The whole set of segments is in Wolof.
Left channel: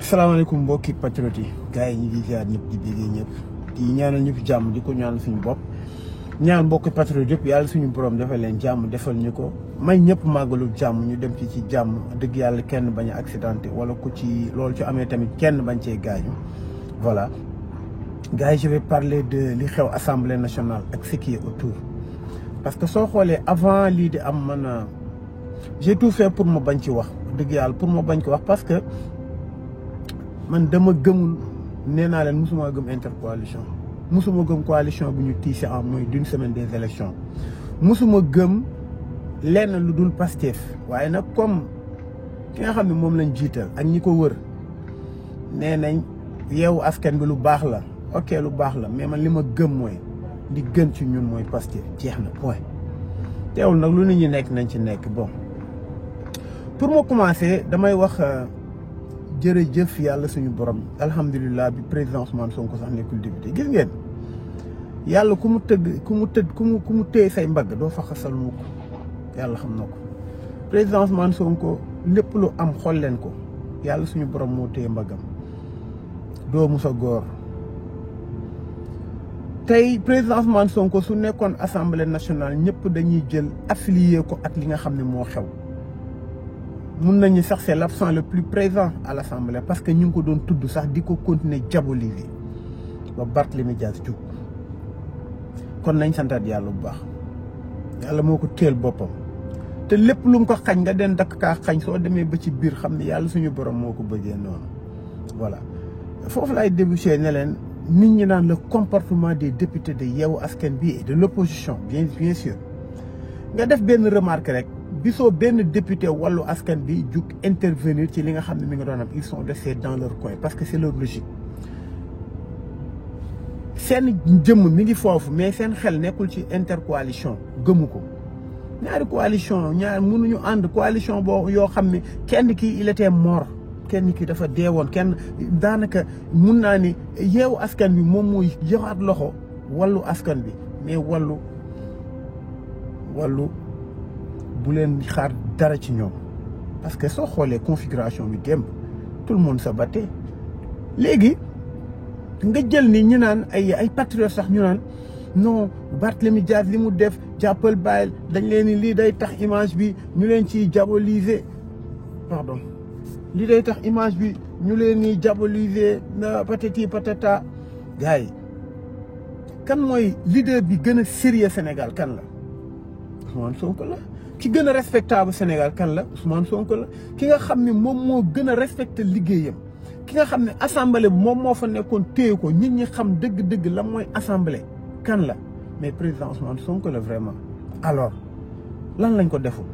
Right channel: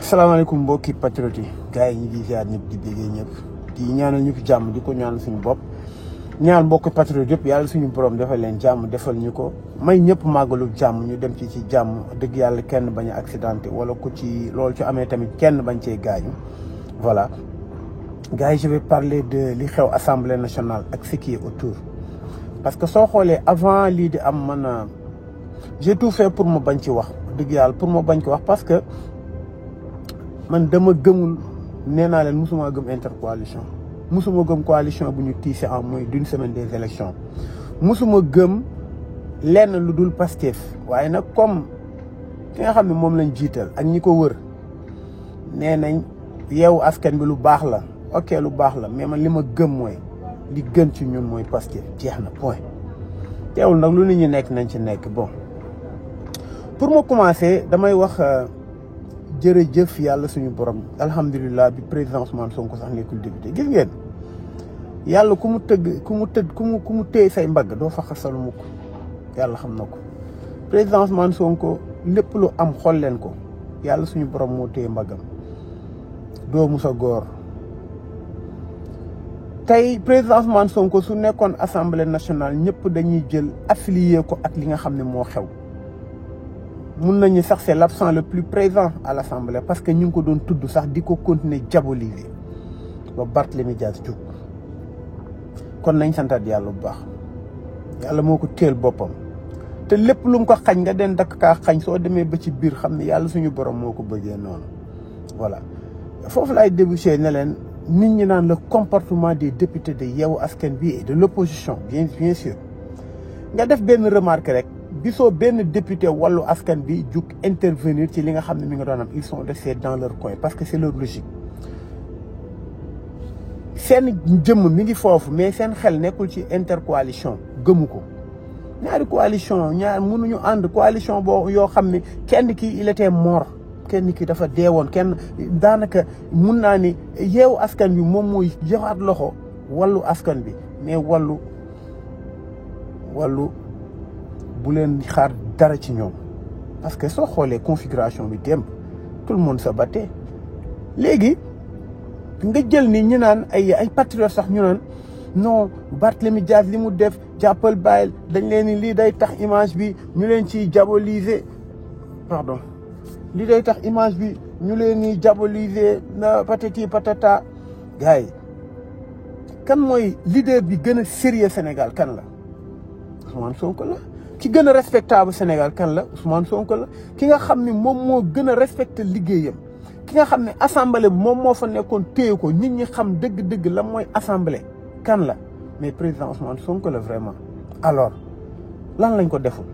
salaamaaleykum mbokki patriote yi gars yi ñu ngi ziar ñëpp di déggee ñëpp di ñaanal ñëpp jàmm di ko ñaanal suñu bopp ñaan mbokki patriote yëpp yàlla suñu borom defal leen jàmm defal ñu ko may ñëpp màggalu jàmm ñu dem ci jàmm dëgg yàlla kenn bañ a accidenté wala ku ci loolu ci amee tamit kenn bañ cee gaañu voilà gars yi je vais parler de li xew assemblée nationale ak ce qui est autour parce que soo xoolee avant lii di am man j'ai tout fait pour mu bañ ci wax dëgg yàlla pour ma bañ ko wax parce que man dama gëmul nee naa leen musuma gëm intercoalition musuma gëm coalition bu ñu tiise en moins d'une semaine des élections musuma gëm lenn lu dul Pastef waaye nag comme ki nga xam ne moom lañ jiital ak ñi ko wër nee nañ yeewu askan bi lu baax la ok lu baax la mais man li ma gëm mooy li gën ci ñun mooy Pastef jeex na point teewul nag lu nit ñi nekk nañ ci nekk bon pour ma commencer damay wax jërëjëf yàlla suñu borom alhamdulilah bi président Ousmane Sonko sax nekkul député gis ngeen yàlla ku mu téye say mbagg doo fa xasal mukk yàlla xam na ko président Ousmane Sonko lépp lu am xool leen ko yàlla suñu borom moo téye mbaggam doo musa góor tey président Ousmane Sonko su nekkoon assemblée nationale ñëpp dañuy jël affilié ko ak li nga xam ne moo xew mun nañu sax c'est l'absent le plus présent à l'Assemblée parce que ñu ngi ko doon tudd sax di ko continuer diaboliser ba Barthélémy Dias jóg kon nañ santaat yàlla bu baax yàlla moo ko téel boppam te lépp lu mu ko xañ nga den dakk kaa xañ soo demee ba ci biir xam ne yàlla suñu borom moo ko bëggee noonu voilà foofu laay débouché ne leen nit ñi naan le comportement des députés de Yewwi Askan Wi et de l'opposition bien sûr nga def benn remarque rek bisoo benn député Wallu Askan Wi jug intervenir ci li nga xam ne mi nga doon am ils sont restés dans leur coin parce que c'est leur logique seen jëmm mi ngi foofu mais seen xel nekkul ci intercoalition gëmu ko ñaari coalition ñaar mënuñu ànd coalition boo yoo xam ne kenn ki il était mort kenn ki dafa deewoon kenn daanaka mun naa ni Yewwi Askan Wi moom mooy joxaat loxo Wallu Askan Wi mais wallu bu leen xaar dara ci ñoom parce que soo xoolee configuration bi démb tout le monde se battait léegi nga jël ni ñu naan ay patriotes sax ñu naan non Barthélémy Dias li mu def jàppal bàyyil dañ leen ni lii day tax image bi ñu leen ciy diaboliser pardon lii day tax image bi ñu leen ni diaboliser na patati patata gars yi kan mooy leader bi gën a sérieux Sénégal kan la Ousmane Sonko la ki gën a respectable Sénégal kan la Ousmane Sonko la ki nga xam ne moom moo gën a respecté liggéeyam ki nga xam ne assemblée moom moo fa nekkoon téye ko nit ñi xam dëgg-dëgg la mooy assemblée kan la mais président Ousmane Sonko la vraiment alors lan lañ ko deful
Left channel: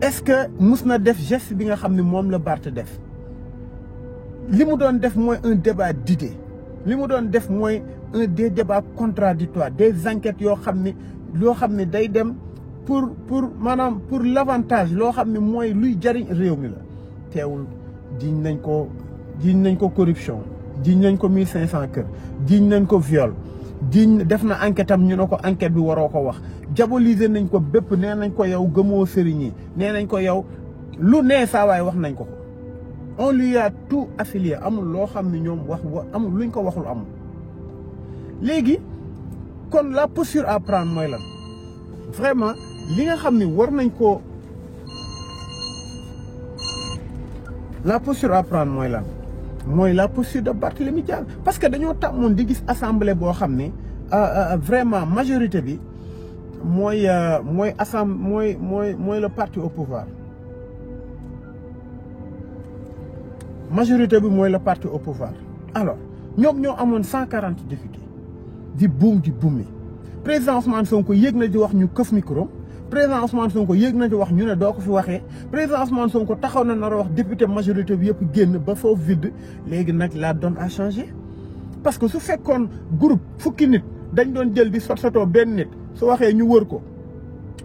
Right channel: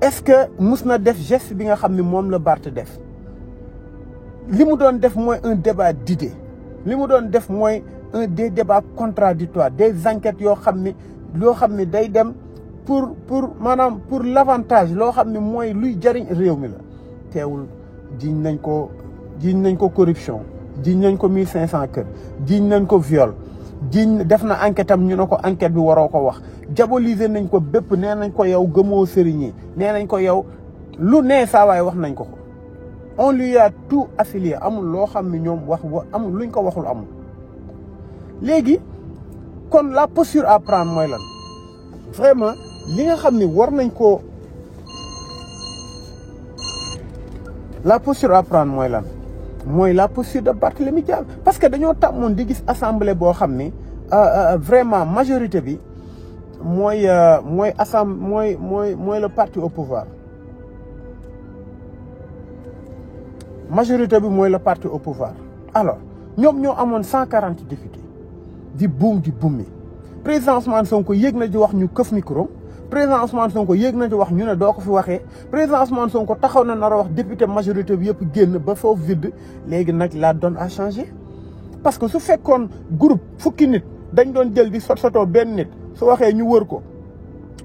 est-ce que mus na def geste bi nga xam ne moom la Barth def li mu doon def mooy un débat d'idées li mu doon def mooy des débats contradictoires des enquêtes yoo xam ne day dem pour maanaam pour l'avantage loo xam ne mooy luy jariñ réew mi la teewul jiñ nañ ko corruption jiñ nañ ko 1500 kër jiñ nañ ko viol jiñ def na enquête am ñu ne ko enquête bi waroo ko wax diaboliser nañ ko bépp nee nañ ko yow gëmoo sëriñ yi nee nañ ko yow lu nee saa waay wax nañ ko on lui a tout affilié amul loo xam ne ñoom amul luñ ko waxul amul léegi kon la posture à prendre mooy lan vraiment li nga xam ne war nañ ko la posture à prendre mooy lan mooy la posture de Barthélémy Dias parce que dañoo tàmmoon di gis assemblée boo xam ne vraiment majorité bi mooy le parti au pouvoir majorité bi mooy le parti au pouvoir alors ñoom ñoo amoon 140 députés di buum président Ousmane Sonko yéeg na di wax ñu këf micro président Ousmane Sonko yéeg na di wax ñu ne doo ko fi waxee président Ousmane Sonko taxaw na nar a wax député majorité bi yëpp génn ba foofu vide léegi nag la donne a changé parce que su fekkoon groupe fukki nit dañ doon jël di sotoo benn nit su waxee ñu wër ko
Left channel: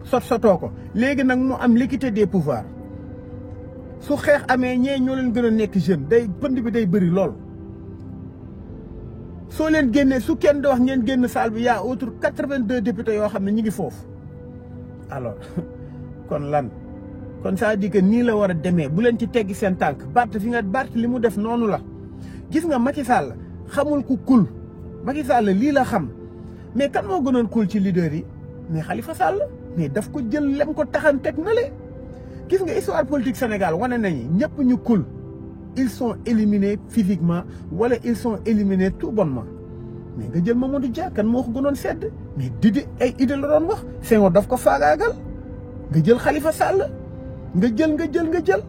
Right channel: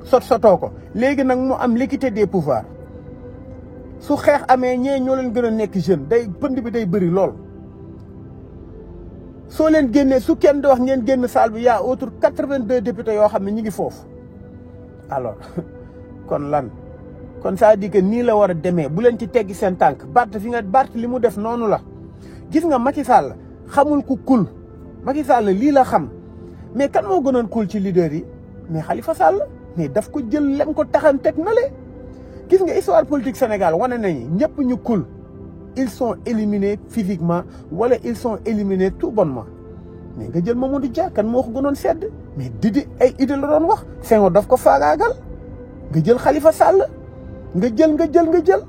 sotoo ko léegi nag mu am l'équité des pouvoirs su xeex amee ñee ñoo leen gën a nekk jeune pënd bi day bëri lool soo leen génnee su kenn di wax ngeen génn salle bi y'a autre 82 députés yoo xam ne ñi ngi foofu alors kon lan kon ça dit que nii la war a demee bu leen ci teggi seen tànk Barth fi nga Barth li mu def noonu la gis nga Macky Sall xamul ku kul Macky Sall lii la xam mais kan moo gënoon kul ci leader yi mais Khalifa Sall mais daf ko jël lem ko taxan teg na le gis nga histoire politique Sénégal wane nañu ñëpp ñu kul ils sont éliminés physiquement wala ils sont éliminés tout bonnement mais nga jël Mamadou Dia kan moo ko gënoon sedd mais Didi ay idée la doon wax Senghor daf ko faagaagal nga jël Khalifa Sall nga jël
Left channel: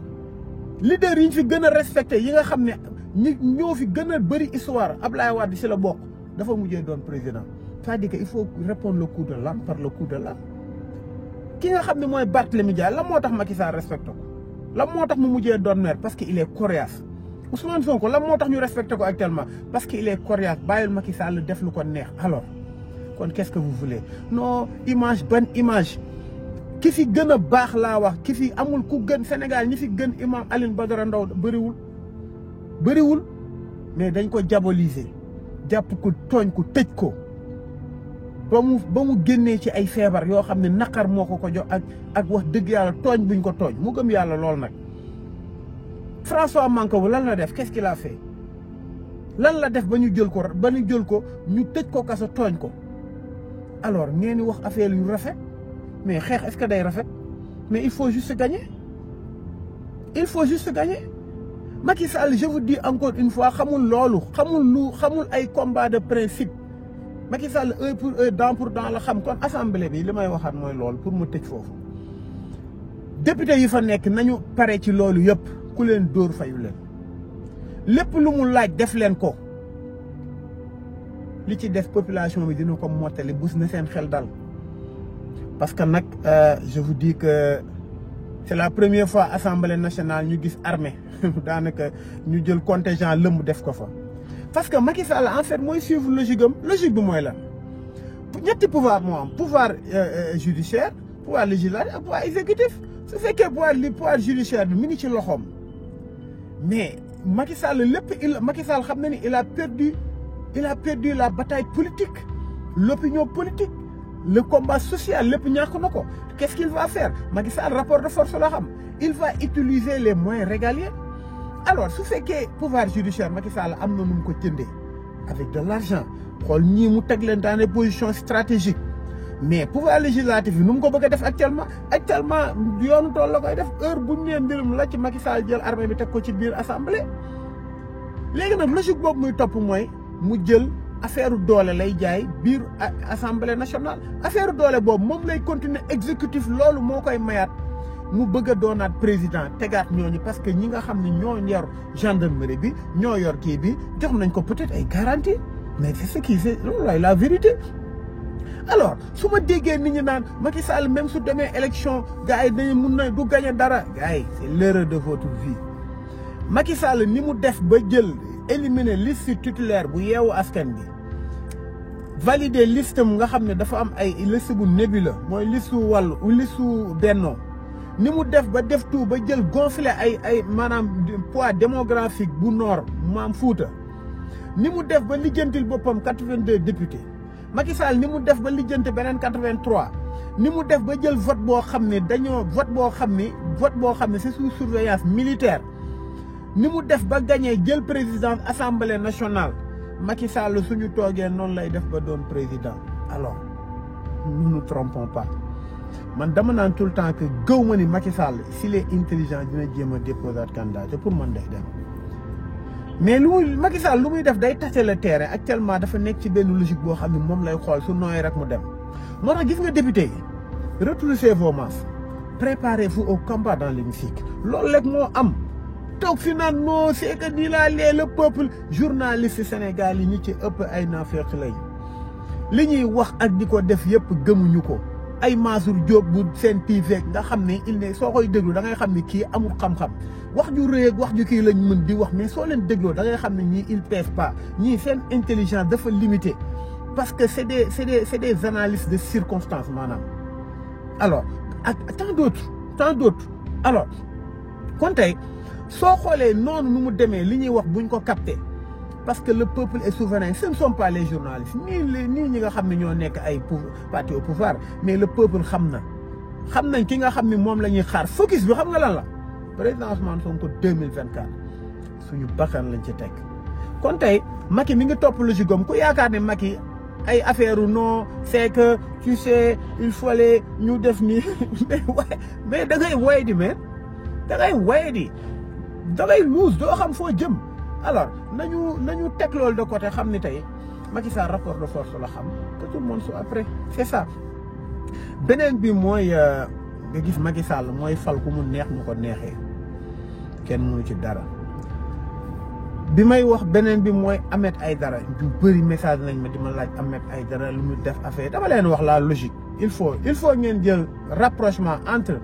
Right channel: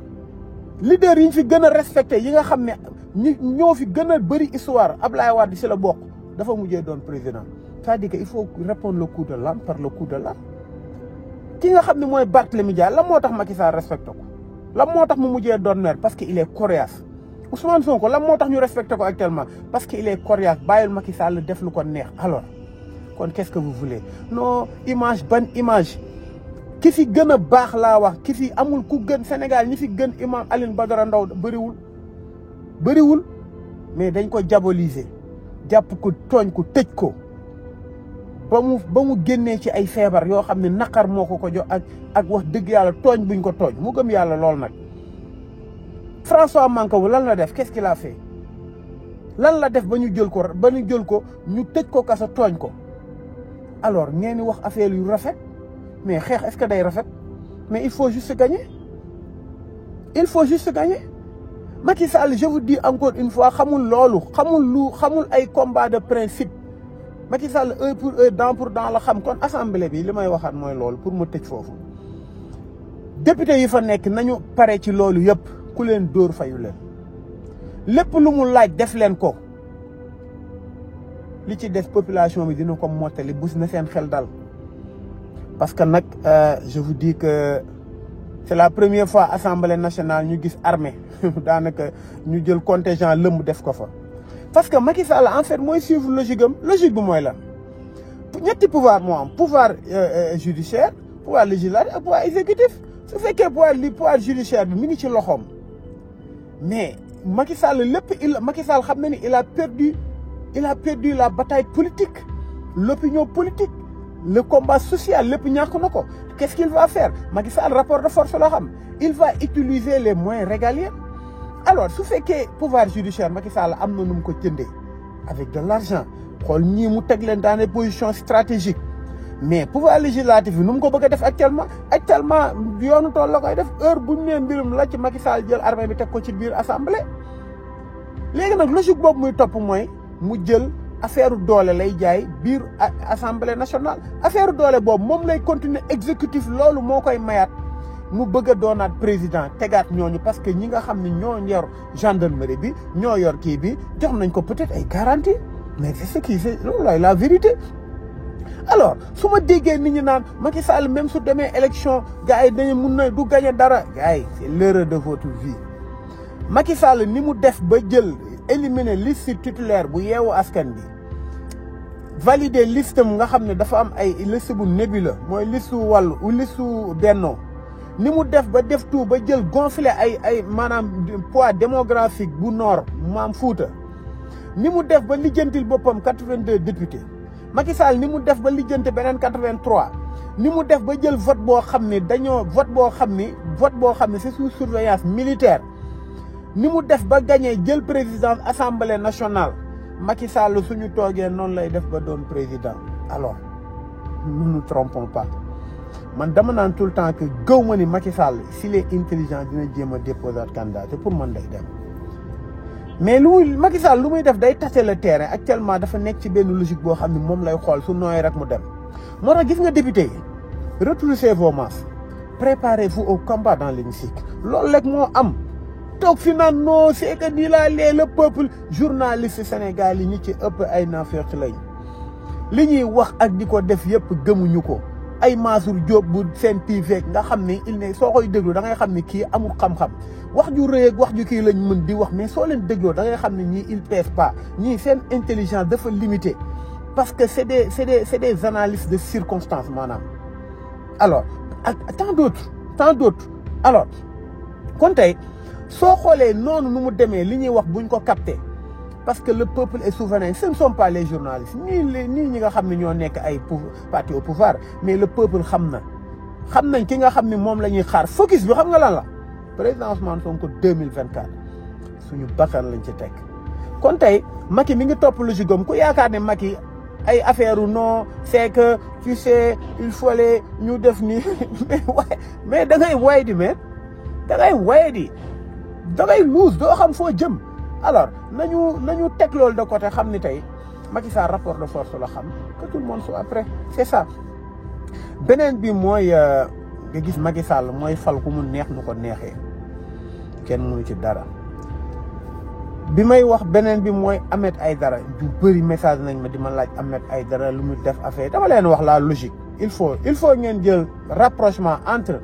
leader yi ñu fi gën a respecté yi nga xam ne ñoo fi gën a bëri histoire Ablaye Wade si la bokk dafa mujjee doon président c'est-à-dire que il faut répondre le coup de l'âne par le coup de l'âne ki nga xam ne mooy Barthélémy Dias la moo tax Macky Sall respecté ko la moo tax mu mujjee doon maire parce que il est coriace Ousmane Sonko la moo tax ñu respecté ko actuellement parce que il est coriace bàyyil Macky Sall def lu ko neex alors kon qu'est-ce que vous voulez non image ban image ki fi gën a baax laa wax ki fi amul ku gën Sénégal ñi fi gën imam Alioune Badara Ndao bëriwul mais dañ ko diaboliser jàpp ko tooñ ko tëj ko ba mu génnee ci ay feebar yoo xam ne naqar moo ko jox ak wax dëgg yàlla tooñ buñ ko tooñ mu gëm yàlla lool nag François Mancabou lan la def qu'est-ce qu'il a fait lan la def ba ñu jël ko ñu tëj ko kaso tooñ ko alors ngeen di wax affaire yu rafet mais xeex est-ce que day rafet mais il faut juste gagner Macky Sall je vous dis encore une fois xamul loolu xamul ay combat de principe Macky Sall œil pour œil dent pour dent la xam kon assemblée bi li may waxaat mooy loolu pour mu tëj foofu député yi fa nekk nañu pare ci loolu yëpp ku leen dóor fayu leen lépp lu mu laaj def leen ko li ci def population bi dina ko mottali bus na seen xel dal parce que nag je vous dis que c'est la première fois assemblée nationale ñu gis armée daanaka ñu jël contingent lëmb def ko fa parce que Macky Sall en fait mooy suivre logique bi mooy lan ñetti pouvoir moo am pouvoir judiciaire pouvoir législatif ak pouvoir exécutif su fekkee pouvoir judiciaire bi mi ngi ci loxoom mais Macky Sall Macky Sall xam na ni il a perdu la bataille politique l'opinion politique le combat social lépp ñàkk na ko qu'est-ce qu'il va faire Macky Sall rapport de force la xam il va utiliser les moyens régaliens alors su fekkee pouvoir judiciaire Macky Sall am na nu mu ko jëndee avec de l'argent xool ñii mu teg leen dans des positions stratégiques mais pouvoir législatif bi nu mu ko bëgg a def actuellement yoonu tool la koy def heure bu ñu nee mbirum la ci Macky Sall jël armée bi teg ko ci biir assemblée léegi nag logique boobu muy topp mooy mu jël affaire doole lay jaay biir assemblée nationale affaire doole boobu moom lay continuer exécutif loolu moo koy mayaat mu bëgg a doonaat président tegaat ñooñu parce que ñi nga xam ne ñoo yor gendarmerie bi ñoo yor kii bi jox nañ ko peut-être ay garantie mais c'est ce qui c'est loolu la vérité alors su ma déggee nit ñi naan Macky Sall même su demee élection gars yi dañu mun na du gagner dara gars yi c'est l'erreur de votre vie Macky Sall ni mu def ba jël éliminer liste titulaire bu yeewu askan bi valider liste mu nga xam ne dafa am ay liste bu nébuleux mooy liste wàllu ou liste bennoo ni mu def ba def tout ba jël gonfler ay maanaam poids démographique bu nord maam Fouta ni mu def ba lijjantil boppam 82 députés Macky Sall ni mu def ba lijjanti beneen 83 ni mu def ba jël vote boo xam ne vote boo xam ne c'est sous surveillance militaire ni mu def ba gagné jël président assemblée nationale Macky Sall suñu toogee noonu lay def ba doon président alors nous nous trompons pas man dama naan tout le temps que gëw ma ni Macky Sall s'il est intelligent dina jéem a déposer candidat te pour man day dem mais Macky Sall lu muy def day tâter le terrain actuellement dafa nekk ci benn logique boo xam ne moom lay xool su nooyee rek mu dem moo tax gis nga député yi retroussez vos manches préparez-vous au combat dans l'hémicycle loolu rek moo am toog fi naan non c'est que nii laa lee le peuple journaliste Sénégal yi ñi ci ëpp ay naafeq lañ li ñuy wax ak di ko def yëpp gëmuñu ko ay Mansour Diop bu seen TV nga xam ne il ne soo koy déglu da ngay xam ne kii amul xam-xam wax ju rëy ak wax ju kii lañ mën di wax mais soo leen dégloo da ngay xam ne ñii il pèse pas ñii seen intelligence dafa limité parce que c'est des analyses de circonstances maanaam alors ak tant d'autres alors kon tey soo xoolee noonu nu mu demee li ñuy wax buñ ko capté parce que le peuple est souverain ce ne sont pas les journalistes nii ñi nga xam ne ñoo nekk ay parti au pouvoir mais le peuple xam na xam nañ ki nga xam ni moom la ñuy xaar focus bi xam nga lan la président Ousmane Sonko 2024 suñu bakkan lañ ci teg. kon tey Macky mi ngi topp logique am ku yaakaar ne Macky ay affaire non c'est que tu sais il fallait ñu def ni mais da ngay way di mais da ngay way di da ngay luus doo xam foo jëm. alors nañu teg loolu de côté xam ni tey Macky Sall rapport de force la xam que tout le monde soit après c'est ça. beneen bi mooy nga gis Macky Sall mooy fal ku mu neex nu ko neexee kenn mënu ci dara. bi may wax beneen bi mooy Ahmed Aïdara ju bëri message nañ ma di ma laaj Ahmed Aïdara lu mu def affaire dama leen wax la logique il faut ngeen jël rapprochement entre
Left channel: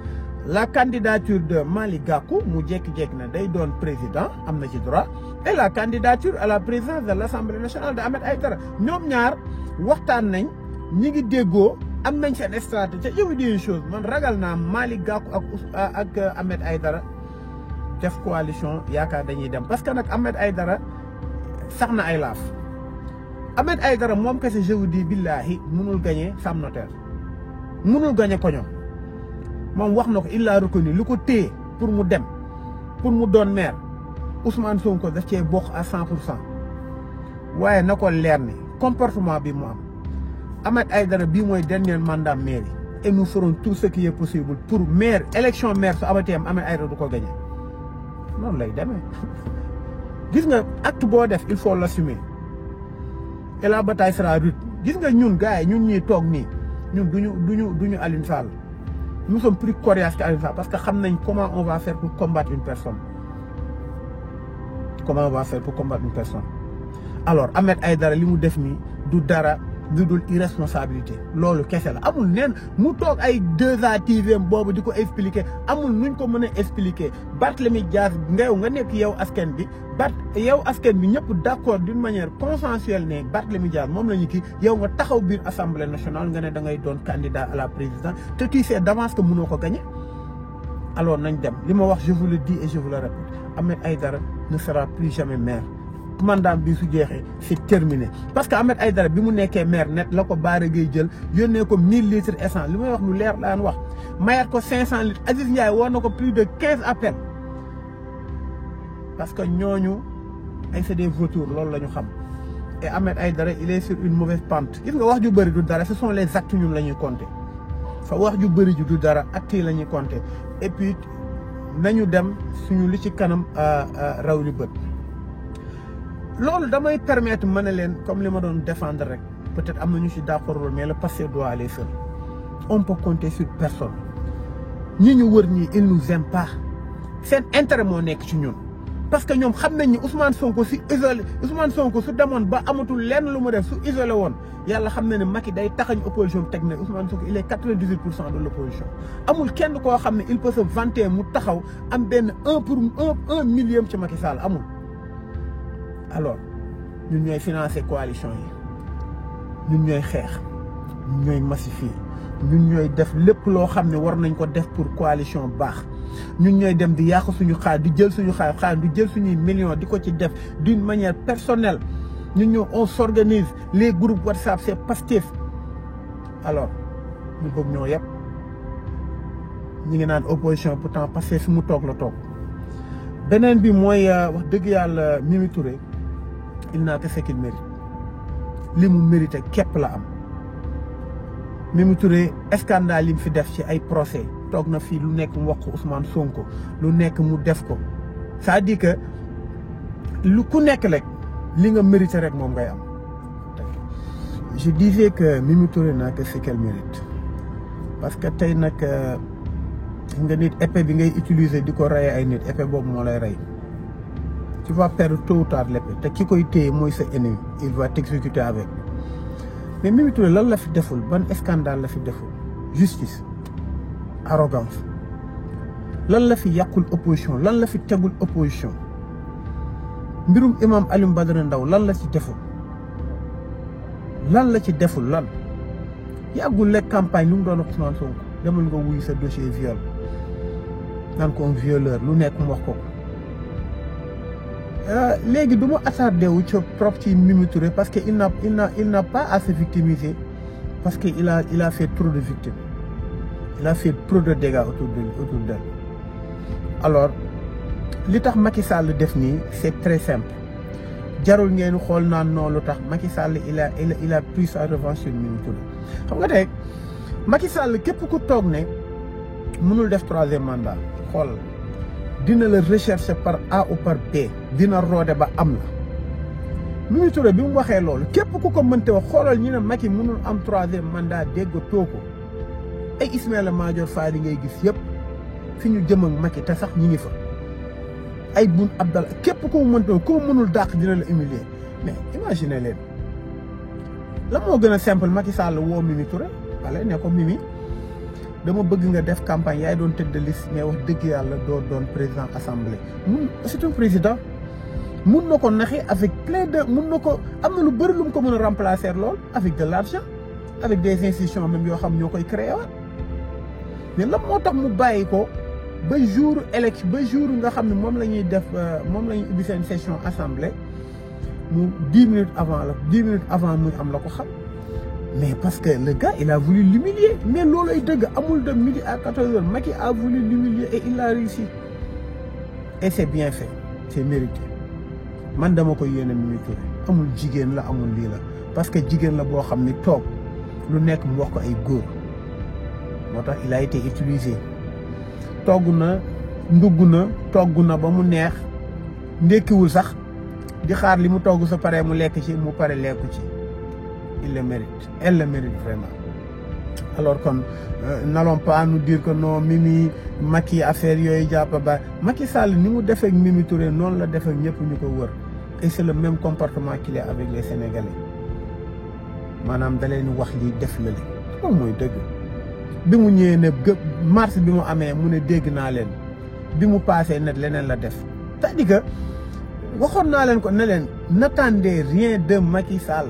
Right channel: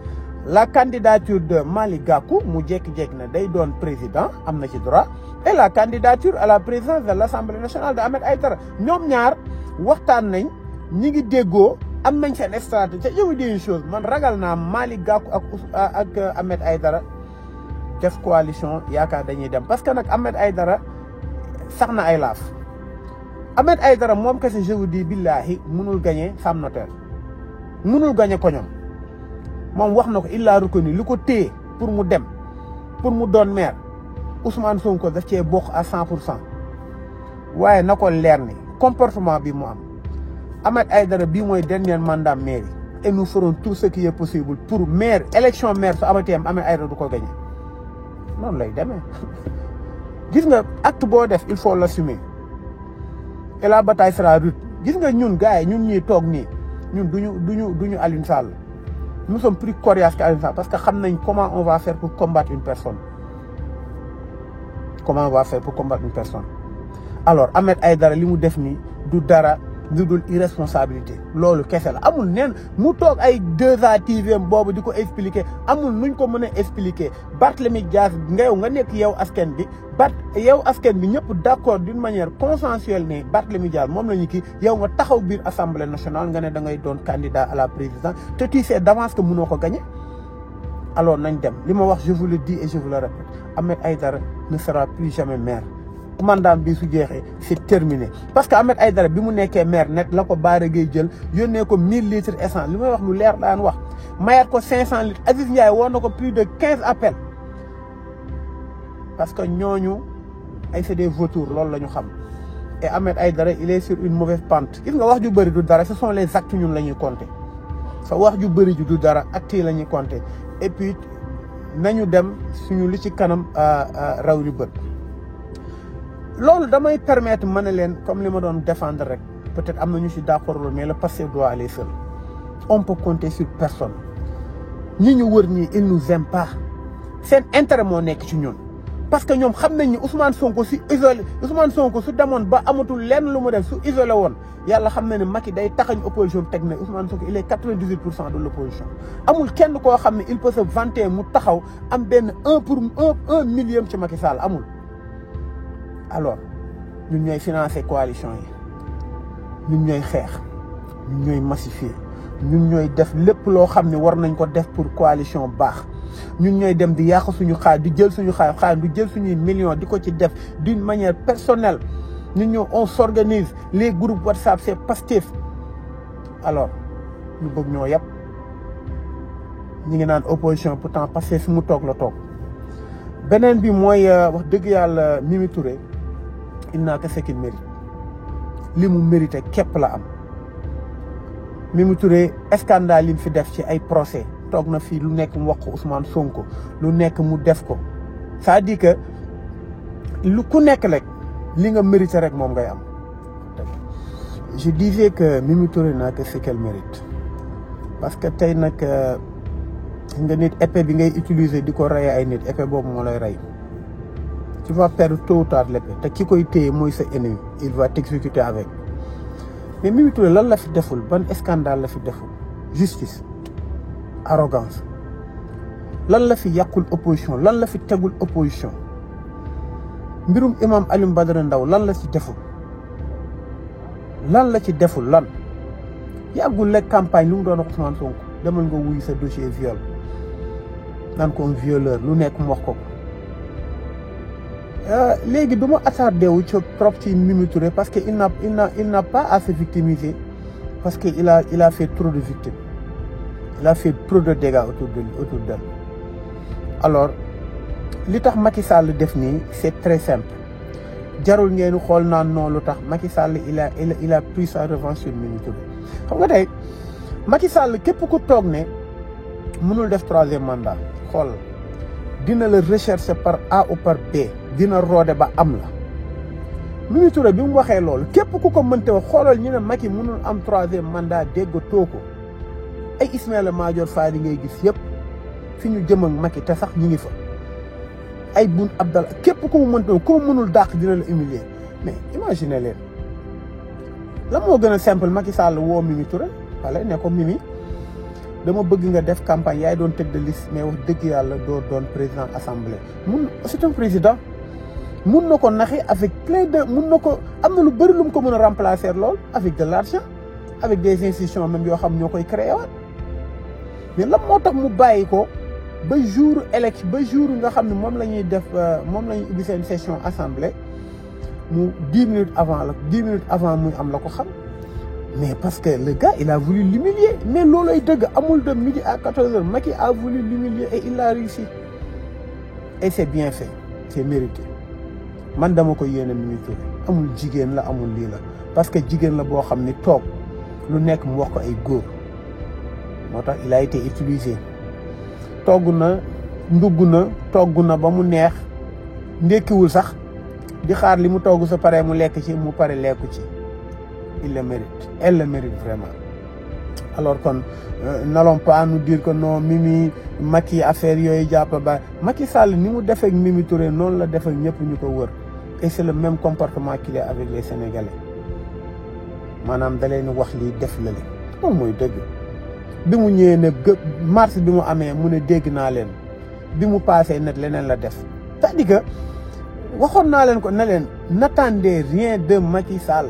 la candidature de Malick Gakou mu jékki-jékki ne day doon président am na ci droit et la candidature à la présidence de l'Assemblée nationale de Ahmed Aïdara ñoom ñaar waxtaan nañ ñi ngi déggoo am nañ seen stratégie je vous dis une chose man ragal naa Malick Gakou ak Ahmed Aïdara def coalition yaakaar dañuy dem parce que nag Ahmed Aïdara sax na ay laaf Ahmed Aïdara moom kese je vous dis billahi mënul gagner Sam Notaire mënul gagner koñom moom wax na ko il a reconnu lu ko téye pour mu dem pour mu doon maire Ousmane Sonko daf cee bokk à 100%. waaye na ko leer ni comportement bi mu am Ahmed Aïdara bii mooy dernier mandat mairie et nous ferons tout ce qui est possible pour maire élection maire su amatee Ahmed Aïdara du ko gagner noonu lay demee gis nga acte boo def il faut l'assumer et la bataille sera rude. gis nga ñun gars yi ñun ñuy toog nii ñun duñu Aliou Sall nous sommes plus coriaces que Aliou Sall parce que xam nañ comment on va faire pour combattre une personne. comment on va faire pour combattre une personne. alors Ahmed Aïdara li mu def nii du dara lu dul irresponsabilité loolu kese la amul neen mu toog ay 2A TV boobu di ko expliquer amul nuñ ko mën a expliquer Barthélémy Dias nga nekk yow askan bi yow askan bi ñëpp d'accord d'une manière consensuelle ne Barthélémy Dias moom la ñu kii yow nga taxaw biir assemblée nationale nga ne da ngay doon candidat à la présidence te tu sais d'avance que mënoo ko gagner. alors nañ dem li ma wax je vous le dis et je vous le répète Ahmed Aïdara ne sera plus jamais maire. mandat bi su jeexee c'est terminé parce que Ahmed Aïdara bi mu nekkee maire net la ko Bara Gueye jël yónnee ko 1000 litres essence li may wax lu leer daan wax mayaat ko 500 litres Aziz Ndiaye woon na ko plus de 15 appels parce que ñooñu ay c'est des vautours loolu la ñu xam et Ahmed Aïdara il est sur une mauvaise pente gis nga wax ju bëri du dara ce sont les actes ñun la ñuy compter sa wax ju bëri ju du dara actes yi la ñuy compter et puis nañu dem suñu li ci kanam raw li bët. loolu damay permettre ma ne leen comme li ma doon défendre rek peut-être am na ñu ci d'accord mais le passé doit aller seul on peut compter sur personne ñi ñu wër ñii ils nous aiment pas seen intérêt moo nekk ci ñun parce que ñoom xam nañ ni Ousmane Sonko su isolé Ousmane Sonko su demoon ba amatul lenn lu mu def su isolé woon yàlla xam na ne Macky day taxañ opposition teg na Ousmane Sonko il est 98% de l'opposition amul kenn koo xam ne il peut se vanter mu taxaw am benn 1 millième ci Macky Sall amul. alors ñun ñooy financer coalition yi ñun ñooy xeex ñun ñooy massifier ñun ñooy def lépp loo xam ne war nañ ko def pour coalition baax ñun ñooy dem di yàq suñu xaalis di jël suñu xaalis di jël suñuy millions di ko ci def d'une manière personnelle ñun ñoo on s'organise les groupes WhatsApp c'est Pastef alors ñu bëgg ñoo yëpp ñu ngi naan opposition pourtant Pastef fi mu toog la toog beneen bi mooy wax dëgg yàlla Mimi Touré il n'a que ce qu'il mérite li mu mérité képp la am Mimi Touré scandale li mu fi def ci ay procès toog na fii lu nekk mu wax ko Ousmane Sonko lu nekk mu def ko c'est-à-dire que lu ku nekk rek li nga mérité rek moom ngay am. je disais que Mimi Touré n'a que ce qu'elle mérite parce que tey nag nga nit épée bi ngay utiliser di ko rey ay nit épée boobu moo lay rey. tu vas perdre tôt ou tard l'épée te ki koy téye mooy sa ennemi il va t'exécuter avec mais Mimi Touré lan la fi deful ban scandale la fi deful justice arrogance lan la fi yàqul opposition lan la fi tegul opposition mbirum imam Alioune Badara Ndao lan la ci deful lan yàggul lekk campagne lu mu doon wax Ousmane Sonko demal nga wuyu sa dossier viol naan ko violeur lu nekk mu wax ko léegi du ma attardé wu ci trop ci Mimi Touré parce que il n'a pas à se victimiser parce que il a fait trop de victimes il a fait trop de dégâts autour d'elle. Alors li tax Macky Sall def nii c'est très simple jarul ngeen xool naan non lu tax Macky Sall il a pris sa revanche sur Mimi Touré. xam nga tey Macky Sall képp ku toog ne mënul def 3e mandat xool dina la rechercher par A ou par B dina roode ba am la. Mimi Touré bi mu waxee loolu képp ku ko mënte wax xoolal ñu ne Macky mënul am 3e mandat dégg tooko ay Ismaïla Madior Fall yi ngay gis yëpp fi ñu jëm ak Macky te sax ñu ngi fa. ay Boun Abdallah képp ku mu mënte ku mu mënul dàq dina la humilier mais imaginez leen la moo gën a simple Macky Sall woo Mimi Touré wala ne ko Mimi dama bëgg nga def campagne yaay doon tête de liste mais wax dëgg yàlla doo doon président assemblée c'est un président mun na ko naxi avec plein de mun na ko am na lu bëri lu mu ko mën a remplacer lool avec de l'argent avec des institutions même yoo xam ñoo koy créé waat mais lan moo tax mu bàyyi ko ba jour élection ba jour nga xam ne moom la ñuy def moom la ñuy ubbi seen session assemblée mu 10 minutes avant muy am la ko xam mais parce que le gars il a voulu l'humilier mais loolay dëgg amul de midi à 14h Macky a voulu l'humilier et il a réussi et c'est bien fait c'est mérité man dama ko yéene Mimi Touré amul jigéen la amul lii la parce que jigéen la boo xam ni toog lu nekk mu wax ko ay góor moo tax il a été utilisé togg na ndugg na togg na ba mu neex ndekkiwul sax di xaar li mu togg sa pare mu lekk ci mu pare lekku ci il le mérite elle le mérite vraiment alors kon n'allons pas nous dire que non Mimi Macky affaire yooyu jàpp ba Macky Sall ni mu defee ak Mimi Touré noonu la defee ñëpp ñu ko wër et c'est le même comportement qu'il y a avec les Sénégalais maanaam da leen wax lii def la leen moom mooy dëgg bi mu ñëwee ne mars bi mu amee mu ne dégg naa leen bi mu passé net leneen la def c'est-à-dire que waxoon naa leen ko ne leen n'attendez rien de Macky Sall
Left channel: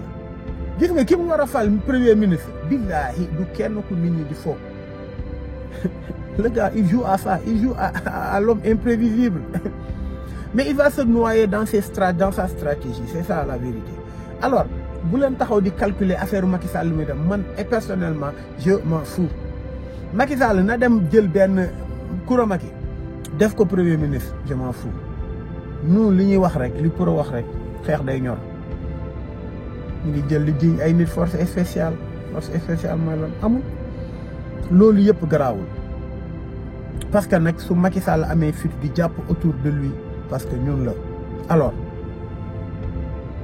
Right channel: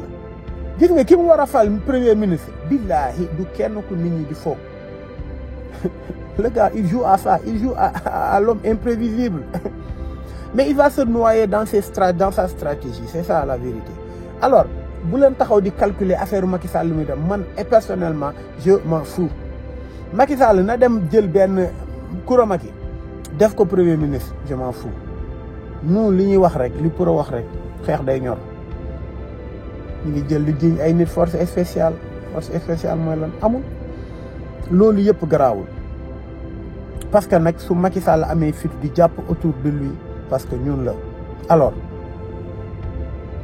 gis nga ki mu war a fal premier ministre billahi du kenn ku nit ñi di foog le gars il joue à ça il joue à l'homme imprévisible mais il va se noyer dans sa stratégie c'est ça la vérité alors bu leen taxaw di calculer affaire Macky Sall lu muy dem man et personnellement je m'en fous Macky Sall na dem jël benn Koura Macky def ko premier ministre je m'en fous nous li ñuy wax rek li pour a wax rek xeex day ñor ñu ngi jël li jiñ ay nit force spéciale mooy lan amul loolu yëpp garaawul parce que nag su Macky Sall amee fit di jàpp autour de lui parce que ñun la alors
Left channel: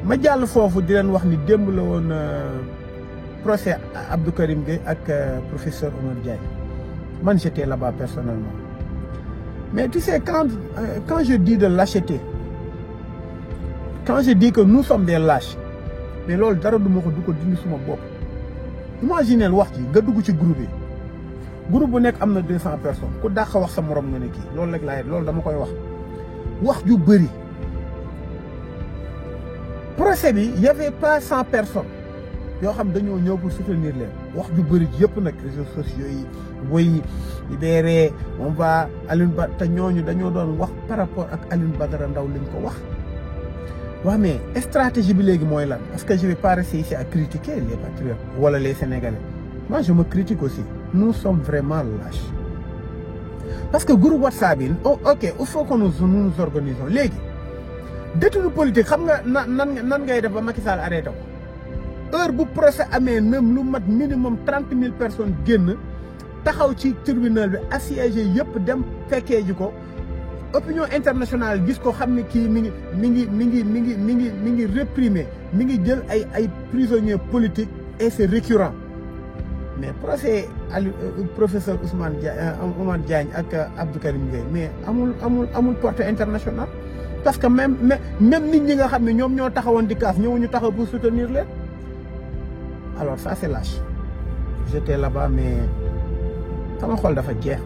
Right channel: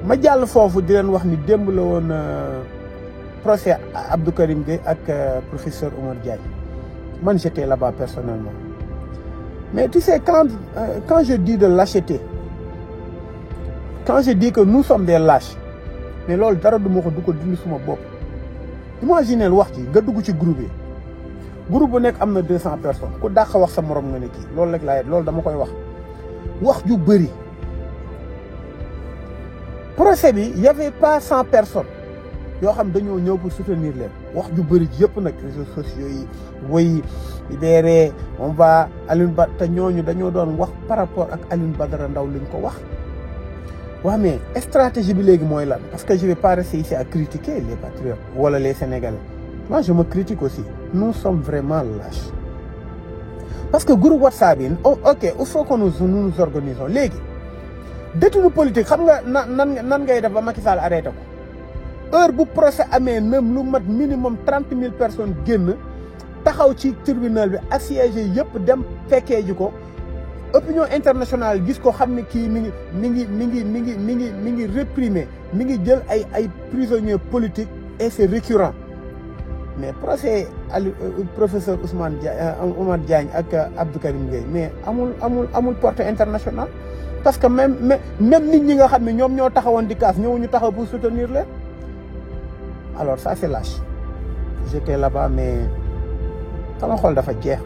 ma jàll foofu di leen wax ni démb la woon procès Abdou Karim Gueye ak professeur Oumar Diagne man j'étais là-bas personnellement mais tu sais quand je dis de lâcheté quand je dis que nous sommes des lâches mais loolu dara du ma ko du ko dindi suma bopp imaginez wax ci nga dugg ci groupe bu nekk am na 200 personnes ku dàq wax sa morom nga ne kii loolu rek laay loolu dama koy wax ju bëri procès bi y avait pas 100 personnes yoo xam dañoo ñëw pour soutenir leen wax ju bëri yëpp nag réseaux sociaux yi woy libéré on va Alioune Ba te ñooñu dañoo doon wax par rapport ak Alioune Badara Ndao liñ ko wax waaw mais stratégie bi léegi mooy lan parce que je vais pas rester ici à critiquer les patriotes wala les Sénégalais moi je me critique aussi nous sommes vraiment lâches parce que groupe WhatsApp yi ok il faut que nous nous organisons léegi détenu politique xam nga nan ngay def ba Macky Sall arrêté ko heure bu procès amee même lu mat minimum 30 000 personnes génn taxaw ci tribunal bi assiégé yëpp dem fekkee ji ko opinion internationale gis ko xam ne kii mi ngi réprimer mi ngi jël ay prisonniers politiques et c'est récurrent mais procès professeur Oumar Diagne ak Abdou Karim Gueye mais amul portée internationale parce que même nit ñi nga xam ne ñoom ñoo taxawoon di kaas ñëwuñu taxaw pour soutenir leen alors ça c'est lâche j'étais là-bas mais sama xol dafa jeex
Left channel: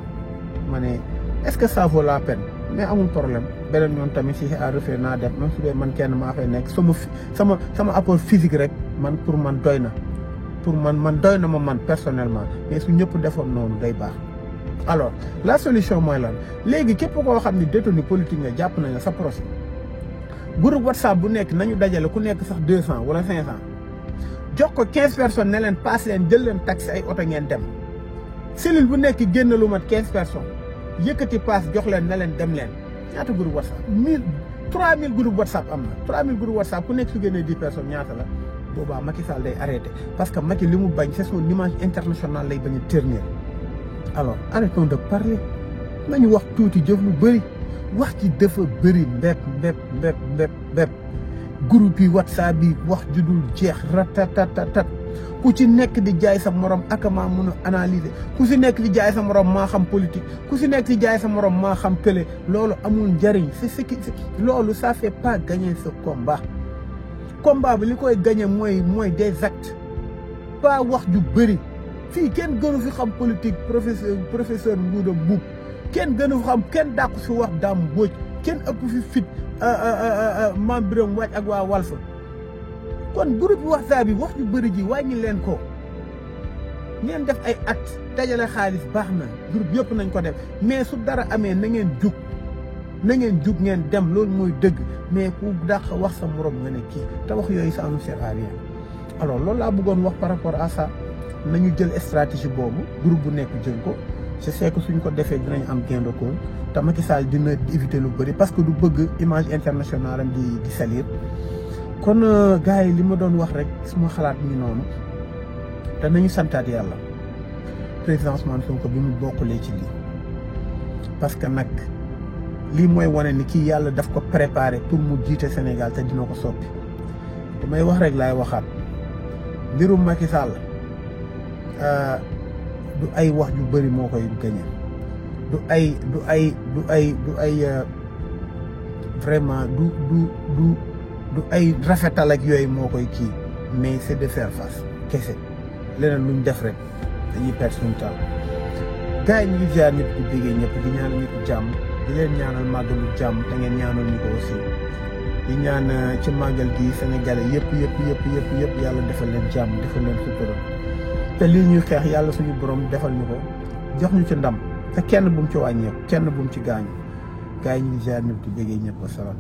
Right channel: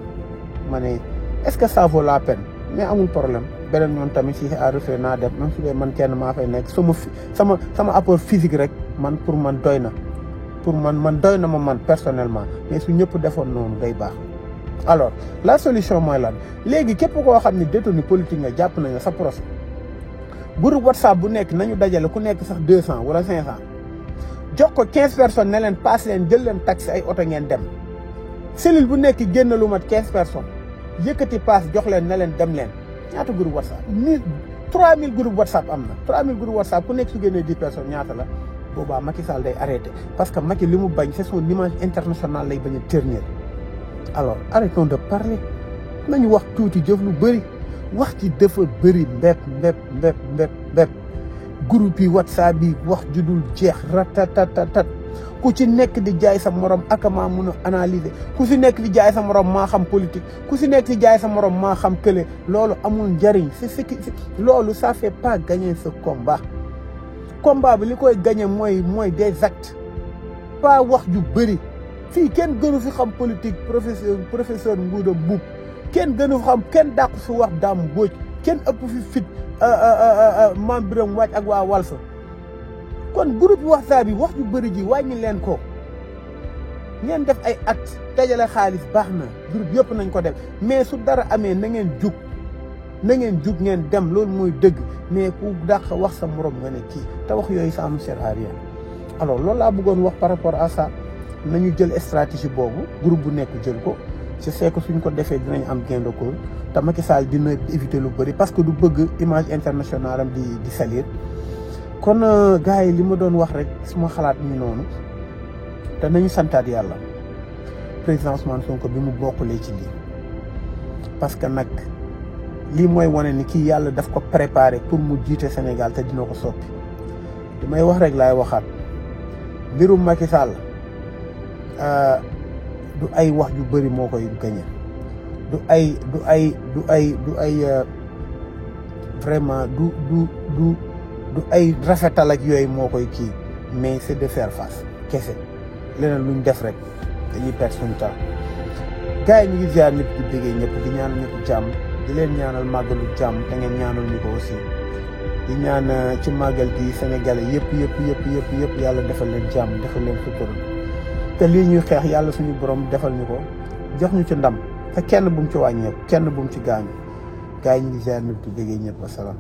ma ne est-ce que ça vaut la peine mais amul problème beneen ñoon tamit si à refaire naa def même su dee man kenn maa fay nekk sama apport physique rek man pour man doy na man doy na ma man personnellement mais su ñëpp defoon noonu day baax alors la solution mooy lan léegi képp koo xam ne détenu politique nga jàpp nañu sa procès groupe WhatsApp bu nekk nañu dajale ku nekk sax 200 wala 500 jox ko 15 personnes ne leen passe leen jël leen taxi ay oto ngeen dem cellule bu nekk génn lu mat 15 personnes yëkkati paas jox leen ne leen dem leen ñaata groupe WhatsApp 3000 groupe WhatsApp am na 3000 groupe WhatsApp ku nekk su génnee 10 personnes ñaata la boobaa Macky Sall day arrêté parce que Macky li mu bañ c'est son image internationale lay bañ a ternir. Alors arrêtons de parler nañu wax tuuti jëf lu bëri wax ci dafa bëri mbépp groupe yi WhatsApp bi wax ju dul jeex ratatatatat ku ci nekk di jaay sa morom akama mun a analyser ku si nekk di jaay sa morom maa xam politique ku si nekk di jaay sa morom maa xam kële loolu amul njëriñ c'est ce qui loolu ça fait pas gagner ce combat bi li koy gagner mooy des actes pas wax ju bëri fii kenn gënu fi xam politique professeur Ngouda Mboup kenn gënu xam kenn dàqu fi wax Dame Mbodj kenn ëpp fi fit Mame Birame Wathie ak waa Walf kon groupe WhatsApp bi wax ju bëri ji wàññi leen ko ngeen def ay acte dajale xaalis baax na groupe yëpp nañ ko def mais su dara amee na ngeen jug ngeen dem loolu mooy dëgg mais ku dàq wax sa morom nga ne kii te wax yooyu ça ne sert à rien. Alors loolu laa bëggoon wax par rapport à ça nañu jël stratégie boobu groupe bu nekk jël ko je sais que suñ ko defee dinañ am gain de cause te Macky Sall dina éviter lu bëri parce que du bëgg image internationale am di salir. kon gars yi li ma doon wax rek suma xalaat ñu noonu te nañu santaat yàlla président Ousmane Sonko bi mu bokkulee ci lii parce que nag lii mooy wane ni kii yàlla daf ko préparé pour mu jiite Sénégal te dina ko sotti damay wax rek laay waxaat mbirum Macky Sall du ay wax ju bëri moo koy gañe du ay vraiment du ay rafetal ak yooyu moo koy kii mais c'est de faire face kese leneen luñ def rek dañuy perdre suñu temps gars yi ñu ngi ziar ñëpp di déggee ñëpp di ñaanal ñëpp jàmm di leen ñaanal màggalu jàmm da ngeen ñaanal ñu ko aussi di ñaan ci màggal gi Sénégalais yëpp yàlla defal leen jàmm defal leen sutura te lii ñuy xeex yàlla suñu borom defal ñu ko jox ñu ci ndam te kenn bu mu ci wàññeeku kenn bu mu ci gaañu gars yi ñu ngi ziar ñëpp di déggee ñëpp wasalaam